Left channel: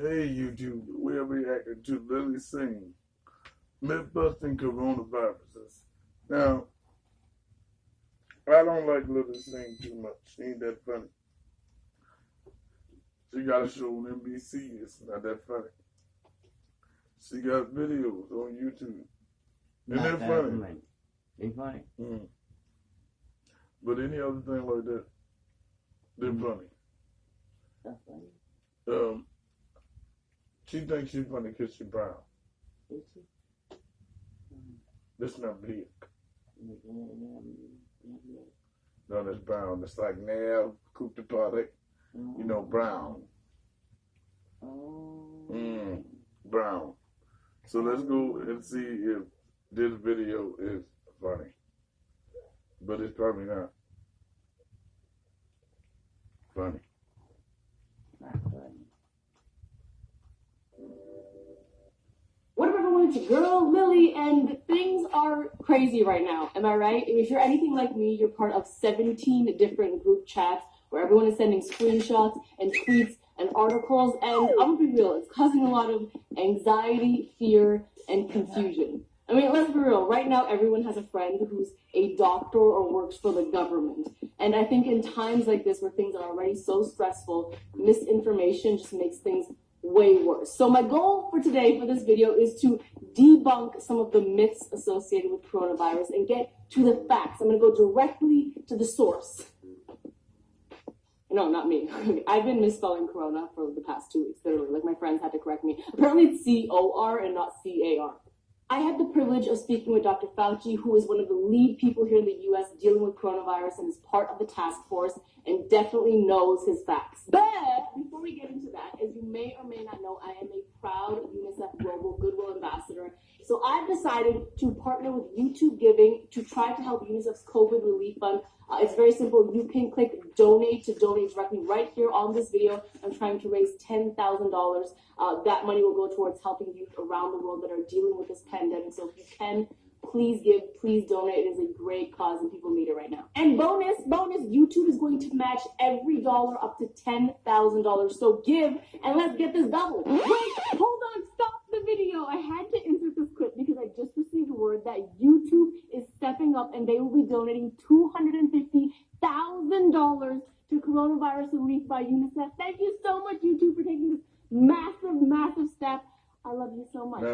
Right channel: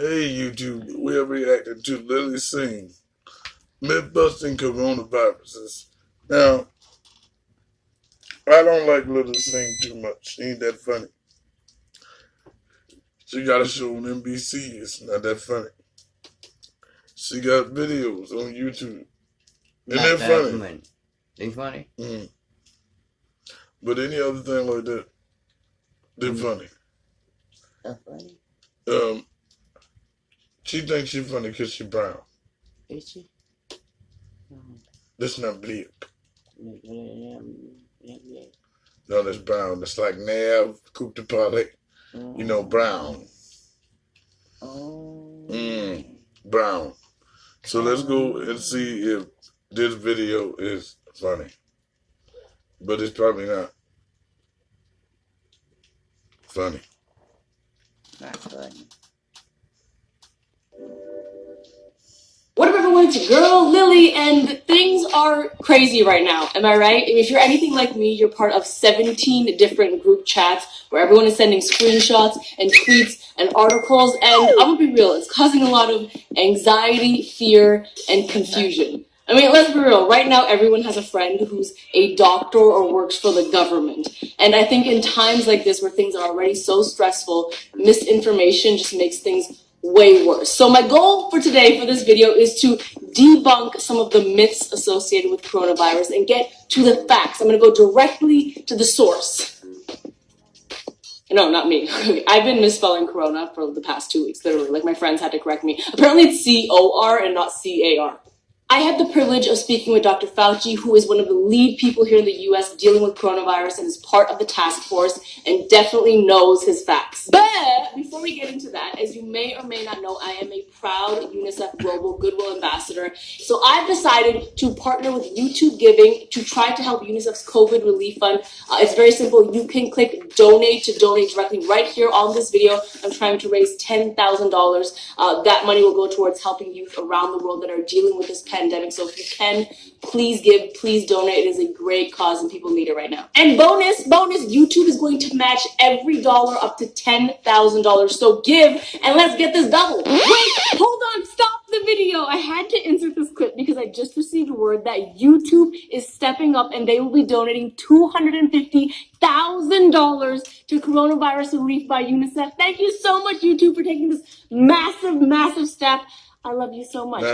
Hey YouTube, we're reacting to Lily Singh, myth-busting coronaviruses. Now, I don't like Lily Singh too much. She ain't that funny. She got a show on NBC. It's not that funny. She got videos on YouTube. And they're funny. They funny? Mm. But any other thing like that, they're funny. That's funny? She thinks she's funny because she's brown. Is she? That's not black. No, that's brown. That's like Nav, Coupe de Party. You know, brown. Brown. So let's go and see if this video is funny. But it's probably not funny. Not funny. What up, everyone? It's your girl, Lily, and things are crazy right now. Am I right? If you're anything like me, you're part of 17 different group chats where everyone is sending screenshots and tweets and articles, and I'm gonna be real, it's causing a lot of anxiety, fear, and confusion. I mean, let's be real. Right now, everyone has a friend who's a doctor or works for the government. And I think in times like this where things are already so stressful, misinformation just makes things way worse. So my goal for today for this video is to debunk some of the myths associated with coronavirus and get to the facts. I'm going to go directly to the source. No, not me. I've been misspelling corona for the past 2 weeks, literally. Like, my friends had to correct me. Apparently it's C-O-R and not C-A-R. I had the privilege of speaking with Dr. Fauci, who is one of the lead people here in the U.S. dealing with coronavirus and is part of the task force and definitely knows his facts. But before we get into that, as you may or may not know, I am a proud UNICEF Global Goodwill Ambassador. So I've decided to partner with YouTube Giving to try to help UNICEF's COVID Relief Fund. It's very simple. You can click donate to donate directly right here on this video. I'm trying to raise $10,000. That money will go towards helping youth around the world that are dealing with this pandemic. So if you can, please give, please donate. It is a great cause and people need it right now. And bonus, YouTube is going to match every dollar up to $10,000. So give and let's get this double. Wait, hold on, stop the video. I had to insert this clip because I just received word that YouTube is stepping up and they will be donating $250,000 to coronavirus relief by UNICEF. Thank you so much, YouTube, for taking this massive step. I love you so much.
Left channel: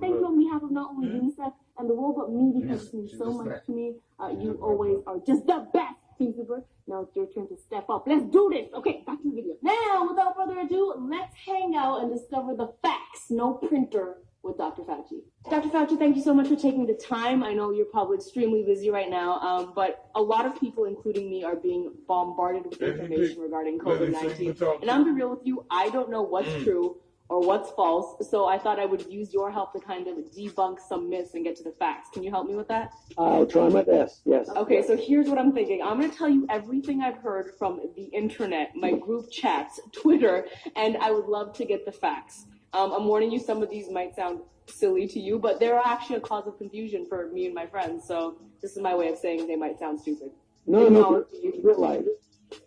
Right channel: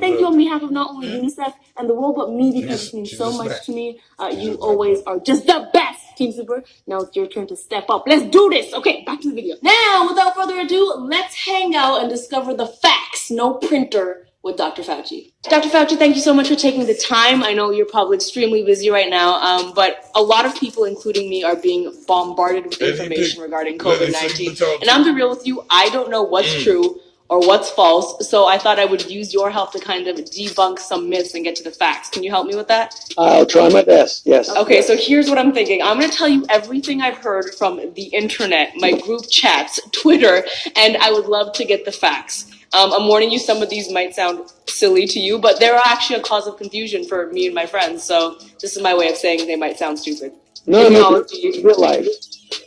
Thank you on behalf of not only UNICEF and the world, but me, because it means so much to me. You always are just the best, Team Super. Now it's your turn to step up. Let's do this. Okay, back to the video. Now, without further ado, let's hang out and discover the facts. No printer with Dr. Fauci. Dr. Fauci, thank you so much for taking the time. I know you're probably extremely busy right now, but a lot of people, including me, are being bombarded with information regarding COVID-19. And I'm to be real with you, I don't know what's true or what's false, so I thought I would use your help to kind of debunk some myths and get to the facts. Can you help me with that? I'll try my best, yes. Okay, so here's what I'm thinking. I'm going to tell you everything I've heard from the internet, my group chats, Twitter, and I would love to get the facts. I'm warning you, some of these might sound silly to you, but they're actually a cause of confusion for me and my friends, so this is my way of saying they might sound stupid. No, it's real life.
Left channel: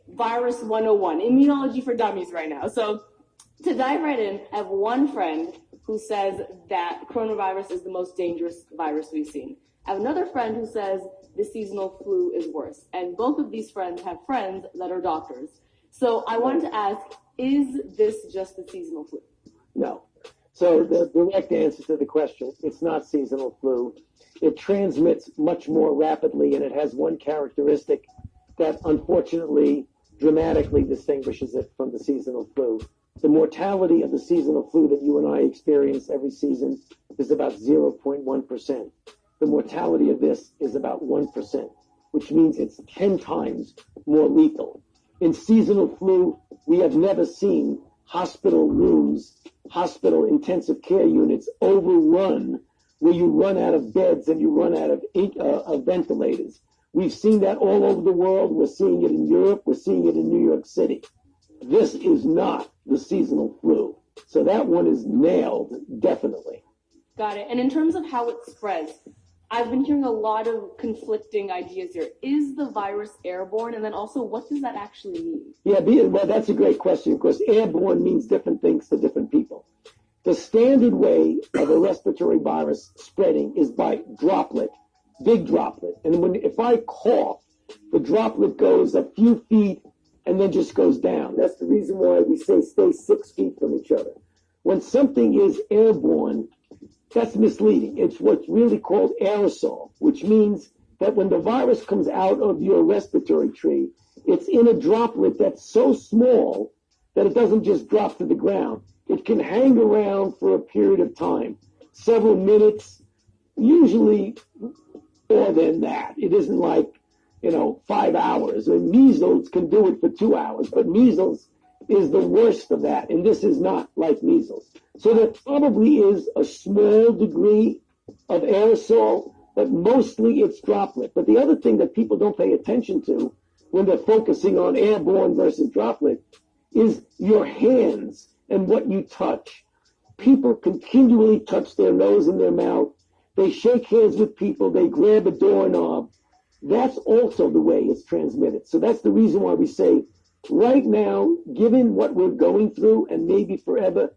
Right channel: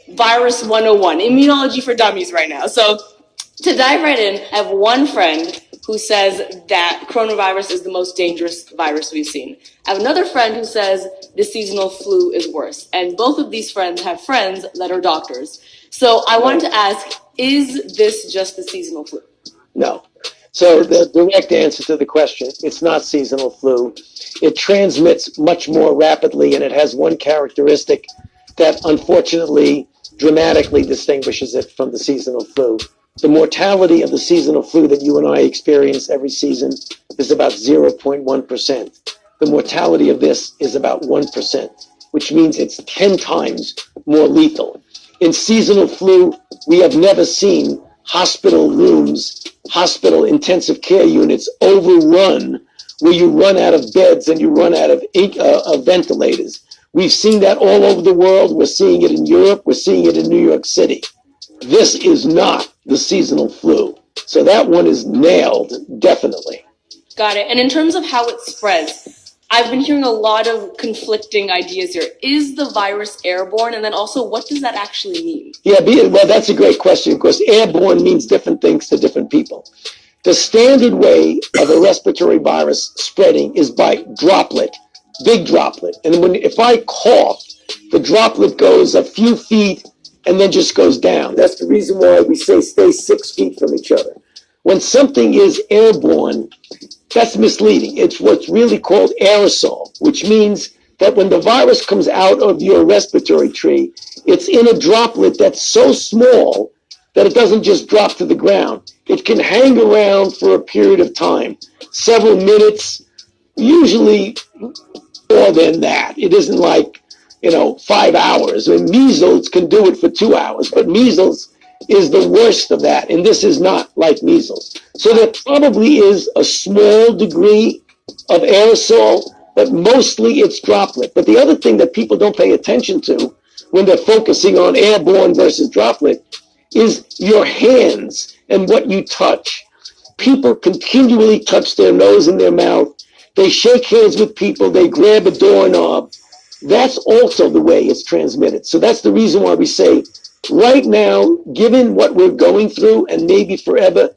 Virus 101, immunology for dummies right now. So to dive right in, I have one friend who says that coronavirus is the most dangerous virus we've seen. I have another friend who says the seasonal flu is worse. And both of these friends have friends that are doctors. So I wanted to ask, is this just the seasonal flu? No. So the direct answer to the question, it's not seasonal flu. It transmits much more rapidly, and it has one characteristic that unfortunately dramatically distinguishes it from the seasonal flu. The mortality of the seasonal flu that you and I experience every season is about 0.1%. The mortality of this is about 1%, which means it's 10 times more lethal. In seasonal flu, we have never seen hospital rooms, hospital intensive care units overrun, where you run out of beds and you run out of ventilators. We've seen that all over the world. We're seeing it in Europe. We're seeing it in New York City. This is not the seasonal flu. So that one is nailed, definitely. Got it. And in terms of how it spreads, I've been hearing a lot of conflicting ideas here. Is the virus airborne? And then also, what does that actually mean? Yeah, well, that's a great question, because airborne means different things to different people. The standard way of a respiratory virus spreading is by droplet, big droplet. And if I cough, the droplet goes a few feet and then just goes down. That's the reason why we say stay 6 feet from each other. When something is airborne, that's misleading. It's what's really called aerosol, which means that when the virus comes out of your respiratory tree, it's in a droplet that's so small that it doesn't just drop to the ground. It can hang around for a period of time, several minutes, usually more than that. It isn't like, 5 hours. I mean, measles can do it for 2 hours, but measles is the worst of that, and this is not like measles. So there probably is a small degree of aerosol, but mostly it's droplet. But the other thing that people don't pay attention to when they're focusing on airborne versus droplet is your hands and what you touch. People continually touch their nose and their mouth. They shake hands with people. They grab a doorknob. That's also the way it's transmitted. So that's the reason why we say right now, given what we're going through and maybe forever,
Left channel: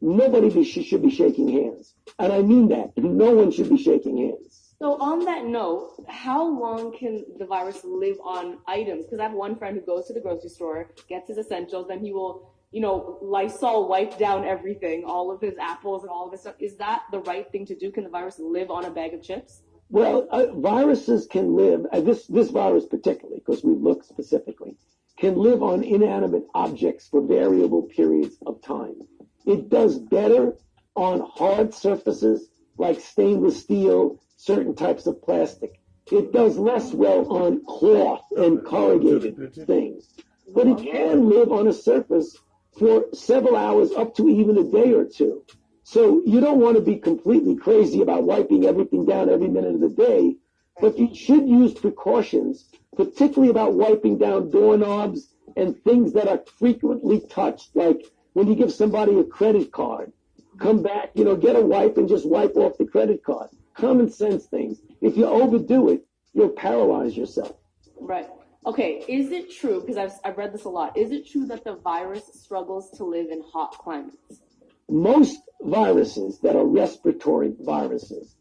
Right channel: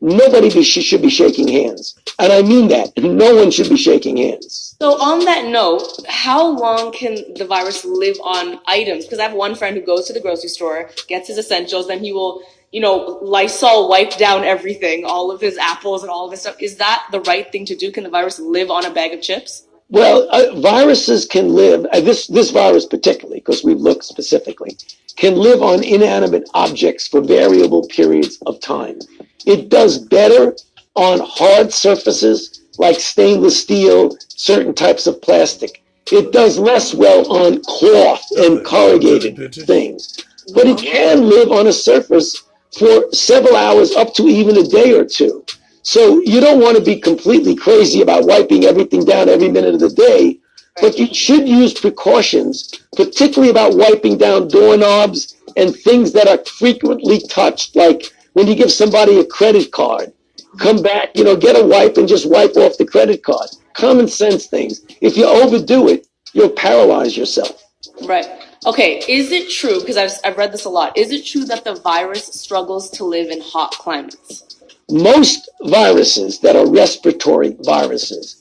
nobody should be shaking hands. And I mean that. No one should be shaking hands. So on that note, how long can the virus live on items? Because I have one friend who goes to the grocery store, gets his essentials, then he will, Lysol wipe down everything, all of his apples and all of his stuff. Is that the right thing to do? Can the virus live on a bag of chips? Well, viruses can live, this virus particularly, because we've looked specifically, can live on inanimate objects for variable periods of time. It does better on hard surfaces like stainless steel, certain types of plastic. It does less well on cloth and corrugated things. But it can live on a surface for several hours, up to even a day or two. So you don't want to be completely crazy about wiping everything down every minute of the day, but you should use precautions, particularly about wiping down doorknobs and things that are frequently touched, like when you give somebody a credit card, come back, get a wipe and just wipe off the credit card. Common sense things. If you overdo it, you'll paralyze yourself. Right. Okay, is it true, because I've read this a lot, is it true that the virus struggles to live in hot climates? Most viruses that are respiratory viruses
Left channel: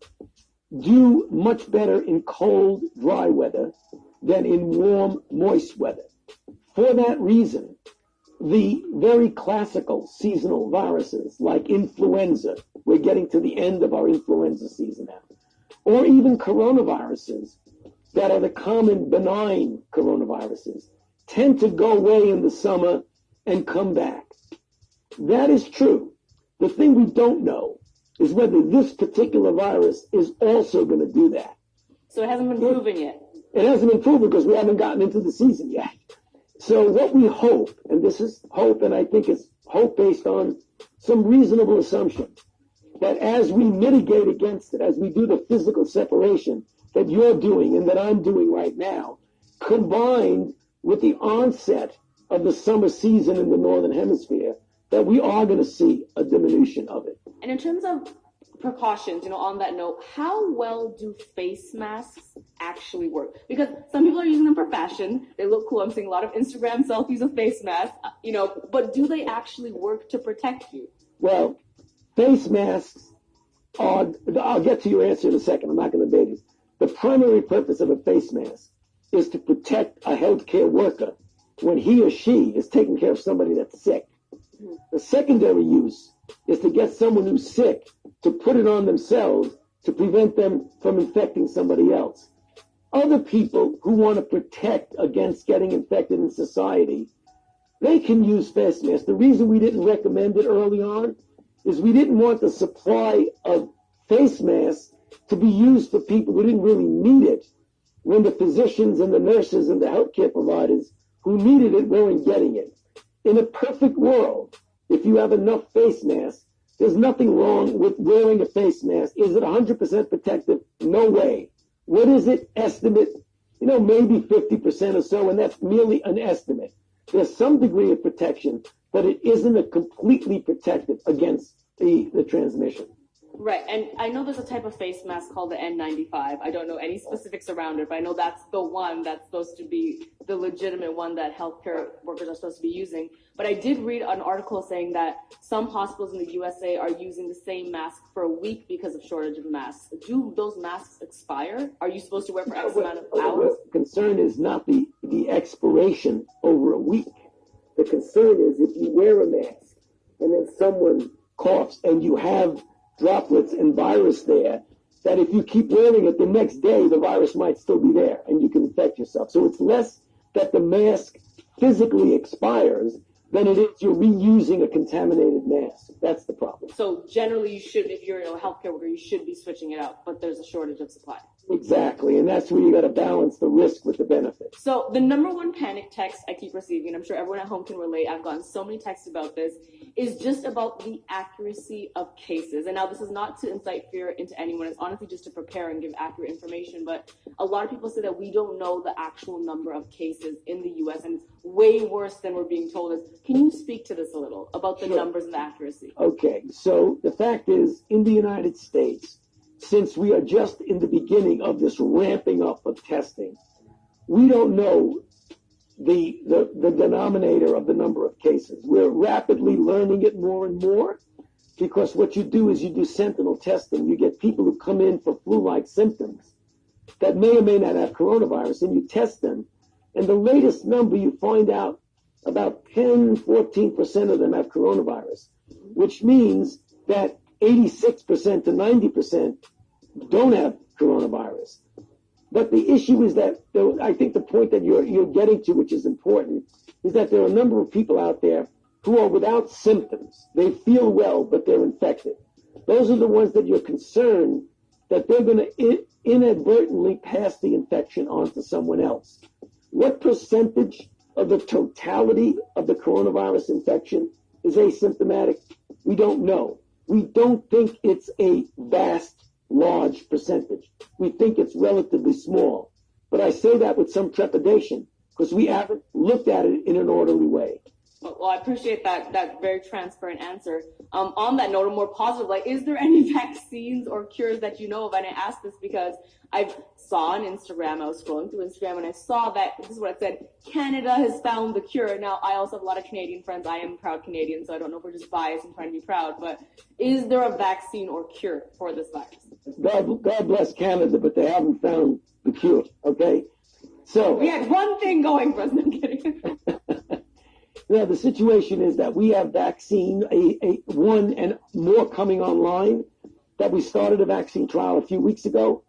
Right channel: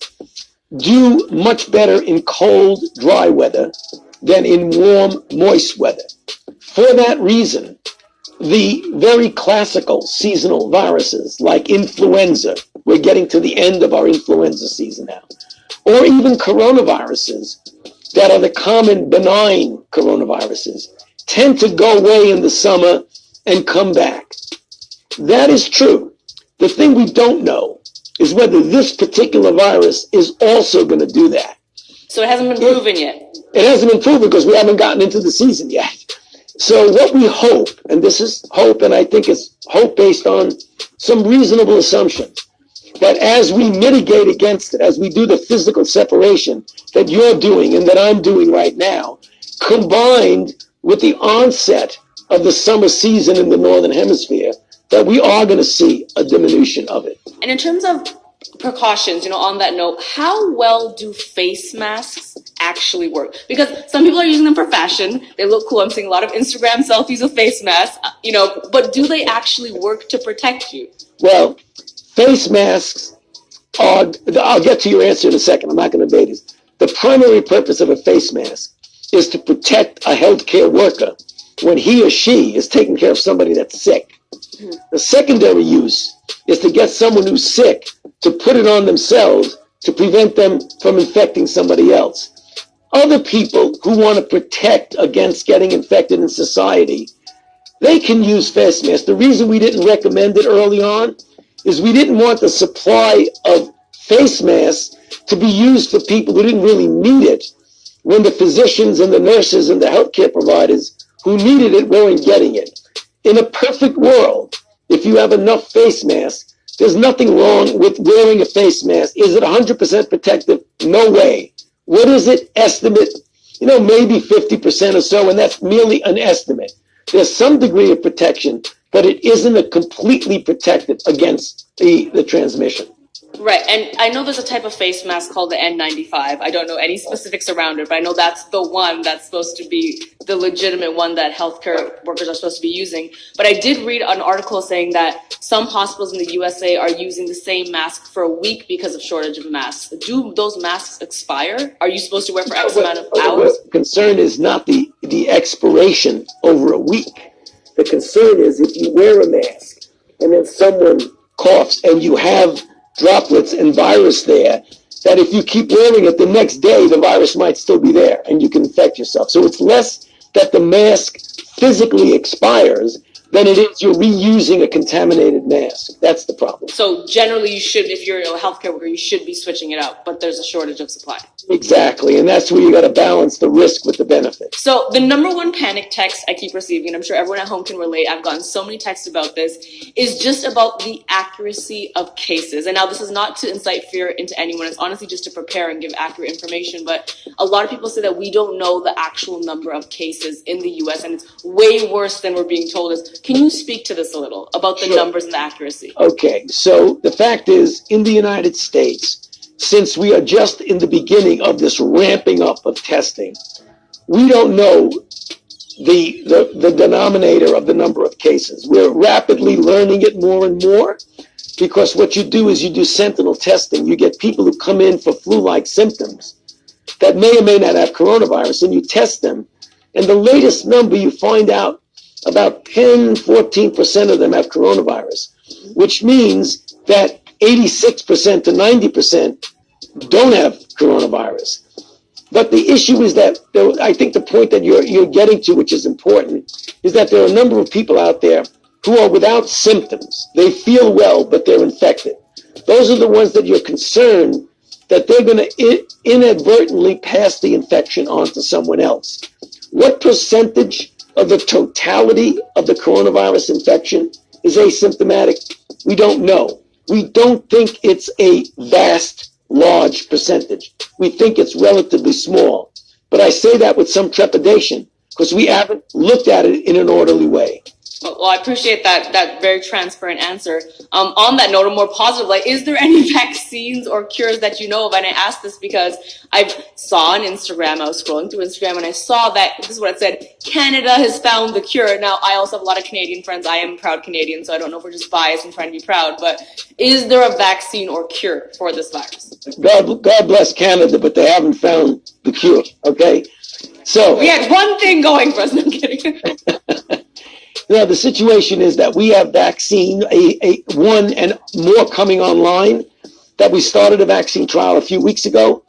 do much better in cold, dry weather than in warm, moist weather. For that reason, the very classical seasonal viruses like influenza, we're getting to the end of our influenza season now, or even coronaviruses that are the common benign coronaviruses, tend to go away in the summer and come back. That is true. The thing we don't know is whether this particular virus is also going to do that. So it hasn't been proven yet? It hasn't been proven because we haven't gotten into the season yet. So what we hope, and this is hope, and I think it's hope based on some reasonable assumptions, that as we mitigate against it, as we do the physical separation that you're doing and that I'm doing right now, combined with the onset of the summer season in the Northern Hemisphere, that we are going to see a diminution of it. And in terms of precautions, on that note, how well do face masks actually work? Because some people are using them for fashion. They look cool. I'm seeing a lot of Instagram selfies with face masks, but do they actually work to protect you? Well, face masks are, I'll get to your answer in a second. I'm not going to debate this. The primary purpose of a face mask is to protect a healthcare worker when he or she is taking care of somebody that's sick. The secondary use is to get someone who's sick to put it on themselves to prevent them from infecting somebody else. Other people who want to protect against getting infected in society, they can use face masks. The reason we didn't recommend it early on is we didn't want the supply of face masks to be used for people who didn't really need it when the physicians and the nurses and the healthcare providers who needed it weren't getting it. In a perfect world, if you have enough face masks, there's nothing wrong with wearing a face mask. Is it 100% protective? No way. What is it? Estimate, maybe 50% or so, and that's merely an estimate. There's some degree of protection, but it isn't a completely protected against the transmission. Right, and I know there's a type of face mask called the N95. I don't know any specifics around it, but I know that's the one that's supposed to be the legitimate one that healthcare workers are supposed to be using. But I did read an article saying that some hospitals in the USA are using the same mask for a week because of shortage of masks. Do those masks expire? Are you supposed to wear for X amount of hours? The concern is not the expiration over a week. The concern is if you wear a mask and then someone coughs and you have droplets and virus there, that if you keep wearing it the next day, the virus might still be there and you can infect yourself. So it's less that the mask physically expires than it is you're reusing a contaminated mask. That's the problem. So generally you should, if you're a healthcare worker, you should be switching it out, but there's a shortage of supply. Exactly, and that's where you got to balance the risk with the benefit. So the number one panic text I keep receiving, and I'm sure everyone at home can relate, I've gotten so many texts about this, is just about the accuracy of cases. And now this is not to incite fear into anyone, it's honestly just to prepare and give accurate information, but a lot of people say that we don't know the actual number of cases in the US, and it's way worse than we're being told. Can you speak to this a little, about the numbers and the accuracy? Okay, so the fact is, in the United States, since we are just in the beginning of this ramping up of testing, we don't know the denominator of the number of cases. We're rapidly learning it more and more, because what you do is you do sentinel testing. You get people who come in for flu-like symptoms that may or may not have coronavirus, and you test them. And the latest number, you find out about 10-14% of them have coronavirus, which means that 86% to 90% don't have coronavirus. But the issue is that I think the point that you're getting to, which is important, is that there are a number of people out there who are without symptoms. They feel well, but they're infected. Those are the ones that you're concerned that they're going to inadvertently pass the infection on to someone else. What percentage of the totality of the coronavirus infection is asymptomatic? We don't know. We don't think it's a vast, large percentage. We think it's relatively small. But I say that with some trepidation because we haven't looked at it in an orderly way. Well, I appreciate that very transparent answer. On that note, a more positive, is there any vaccines or cures that you know of? And I asked this because I saw on Instagram, I was scrolling through Instagram, and I saw that, this is what it said, Canada has found the cure. Now, I also have a lot of Canadian friends. I am a proud Canadian, so I don't know if we're just biased and trying to be proud, but is there a vaccine or cure for this virus? God bless Canada, but they haven't found the cure, okay? So we had one thing going for us. No, I'm kidding. Now, the situation is that we have vaccine, one and more coming online, that we started a vaccine trial a few weeks ago.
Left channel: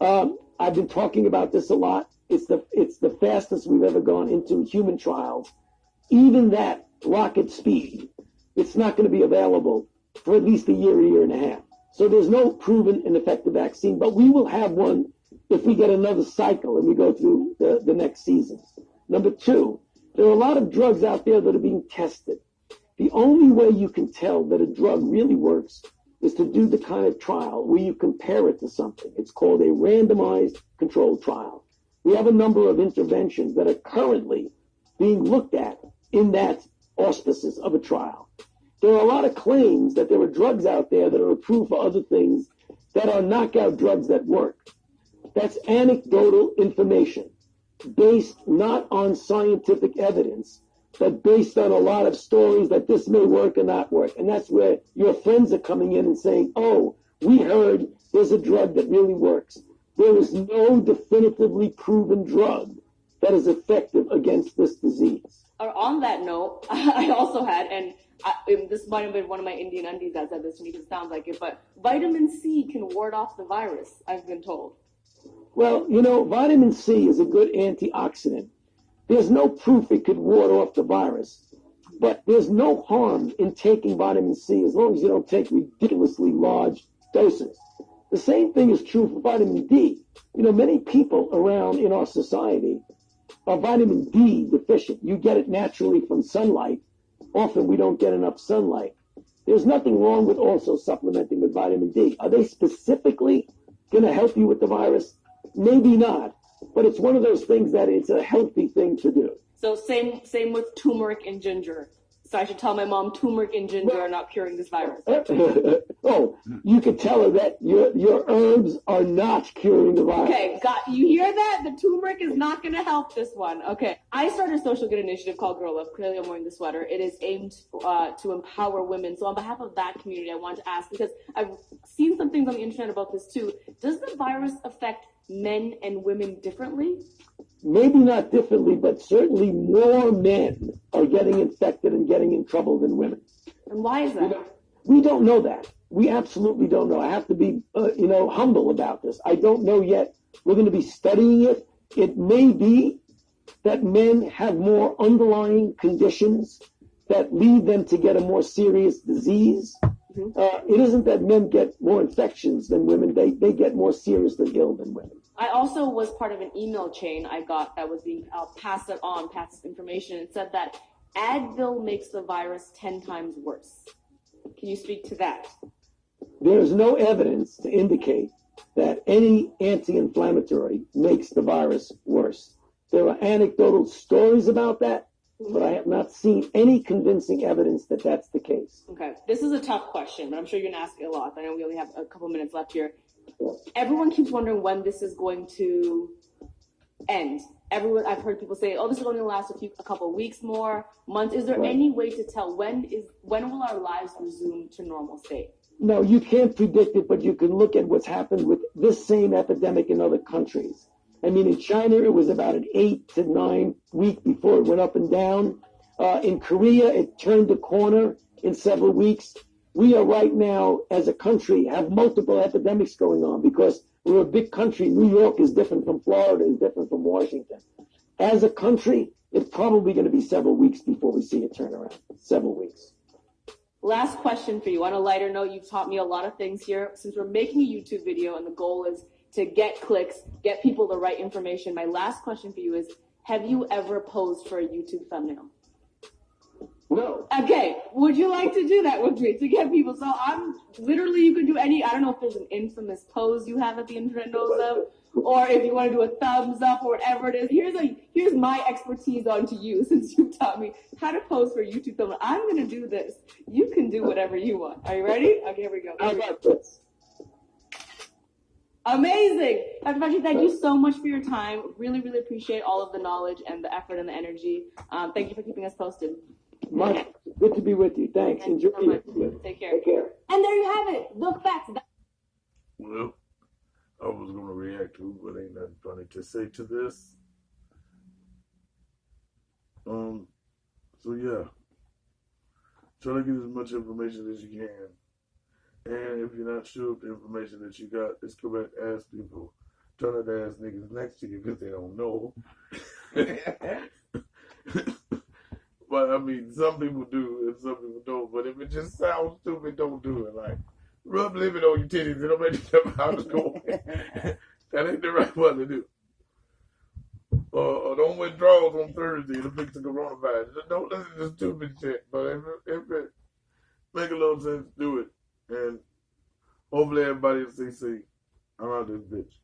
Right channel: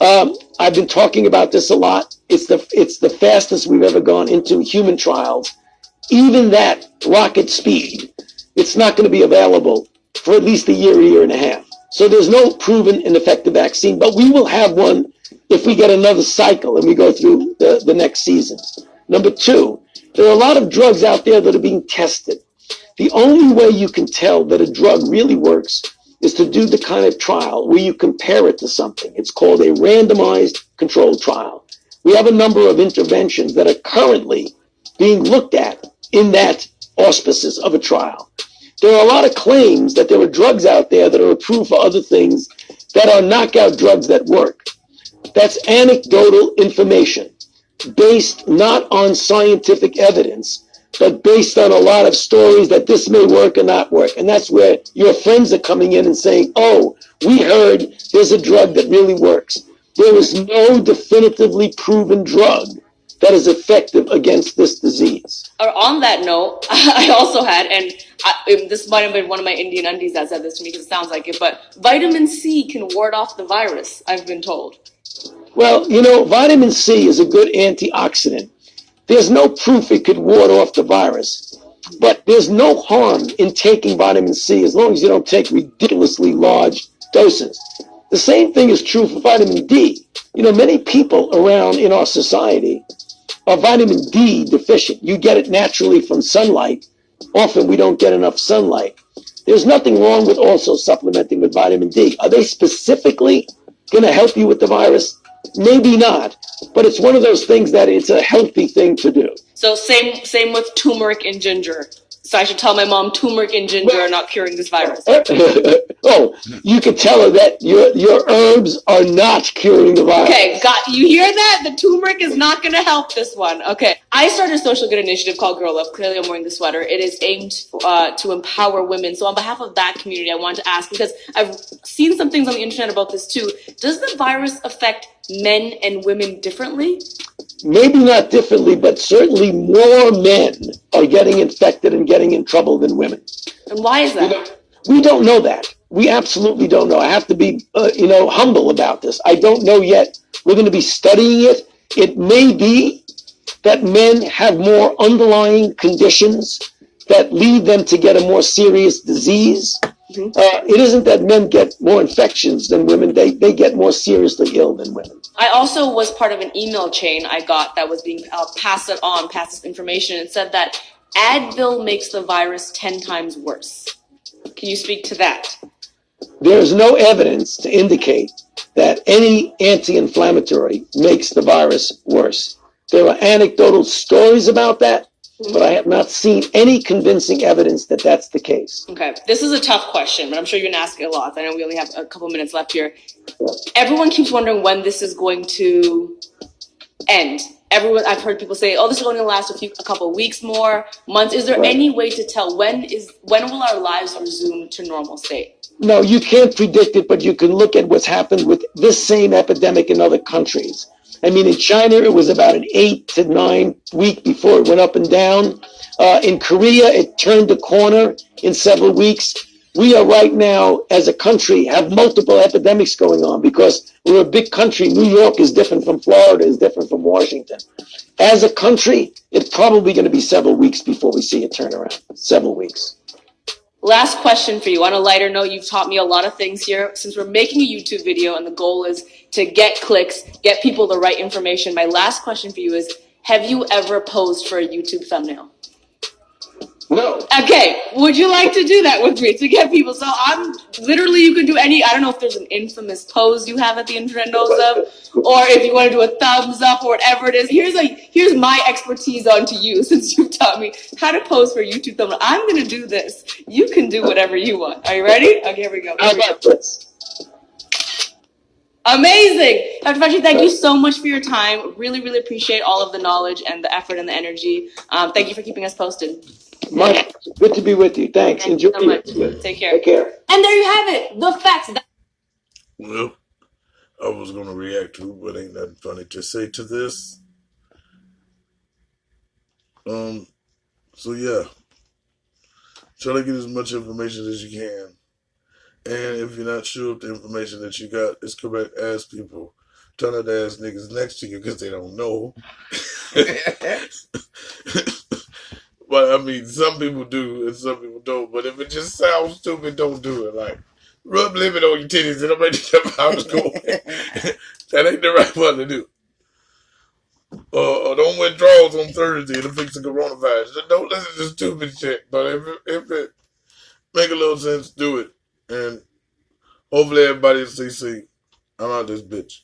I've been talking about this a lot. It's the fastest we've ever gone into human trials. Even that rocket speed, it's not going to be available for at least a year and a half. So there's no proven and effective vaccine, but we will have one if we get another cycle and we go through the next season. Number two, there are a lot of drugs out there that are being tested. The only way you can tell that a drug really works is to do the kind of trial where you compare it to something. It's called a randomized controlled trial. We have a number of interventions that are currently being looked at in that auspices of a trial. There are a lot of claims that there are drugs out there that are approved for other things that are knockout drugs that work. That's anecdotal information, based not on scientific evidence, but based on a lot of stories that this may work or not work. And that's where your friends are coming in and saying, oh, we heard there's a drug that really works. There is no definitively proven drug that is effective against this disease. On that note, I also had, and this might have been one of my Indian undies that said this to me because it sounds like it, but vitamin C can ward off the virus, I've been told. Well, vitamin C is a good antioxidant. There's no proof it could ward off the virus, but there's no harm in taking vitamin C as long as you don't take ridiculously large doses. The same thing is true for vitamin D. Many people around in our society are vitamin D deficient. You get it naturally from sunlight. Often we don't get enough sunlight. There's nothing wrong with also supplementing with vitamin D. Are they specifically going to help you with the virus? Maybe not, but it's one of those things that it's a healthy thing to do. So same with turmeric and ginger. So I should tell my mom turmeric and ginger are not curing this virus. Oh, you could tell her that your herbs are not curing the virus. Okay, you hear that? The turmeric is not going to help this one. Okay. I started a social good initiative called Girl Up. Clearly, I'm wearing the sweater. It is aimed to empower women. So on behalf of that community, I want to ask, because I've seen some things on the internet about this too. Does the virus affect men and women differently? Maybe not differently, but certainly more men are getting infected and getting in trouble than women. And why is that? We don't know that. We absolutely don't know. I have to be, humble about this. I don't know yet. We're going to be studying it. It may be that men have more underlying conditions that lead them to get a more serious disease. It isn't that men get more infections than women. They get more seriously ill than women. I also was part of an email chain I got that was being passed this information, and said that Advil makes the virus 10 times worse. Can you speak to that? There is no evidence to indicate that any anti-inflammatory makes the virus worse. There are anecdotal stories about that, but I have not seen any convincing evidence that that's the case. Okay, this is a tough question, but I'm sure you're going to ask it a lot. I know we only have a couple minutes left here. Everyone keeps wondering when this is going to end. I've heard people say, "Oh, this is going to last a couple of weeks more, months." Is there any way to tell when will our lives resume to normal state? No, you can't predict it, but you can look at what's happened with this same epidemic in other countries. I mean, in China, it was about an 8 to 9 week before it went up and down. In Korea, it turned the corner in several weeks. We are right now, as a country, have multiple epidemics going on because we're a big country. New York is different from Florida, is different from Washington. As a country, it's probably going to be several weeks before we see a turnaround. Several weeks. Last question for you. On a lighter note, you've taught me a lot of things here. Since we're making a YouTube video and the goal is to get clicks, get people the right information, my last question for you is, have you ever posed for a YouTube thumbnail? No. Okay, would you like to do that with me to get people? So you can do I don't know if there's an infamous pose you have at the internet knows of, or if you want to do a thumbs up or whatever it is. Here's my expertise onto you, since you've taught me how to pose for a YouTube thumbnail. I'm going to do this. You can do whatever you want. Are you ready? Okay, here we go. How about this? Amazing. Dr. Fauci, thank you so much for your time. Really, really appreciate all of the knowledge and the effort and the energy. Thank you for keeping us posted. Mike, good to be with you. Thanks. Thank you Enjoy so much. it. Take care. Take care. And there you have it. The facts. Well, I was going to react to, but ain't nothing funny to say to this. So yeah, try to get as much information as you can. And if you're not sure if the information that you got is correct, ask people. Try not to ask niggas next to you because they don't know. But I mean, some people do and some people don't. But if it just sounds stupid, don't do it. Like, rub lemon on your titties and don't make the house go. That ain't the right one to do. Or don't wear drawers on Thursday to fix the coronavirus. Don't listen to stupid shit. But if it make a little sense, do it. And hopefully everybody will stay safe. I'm out this bitch.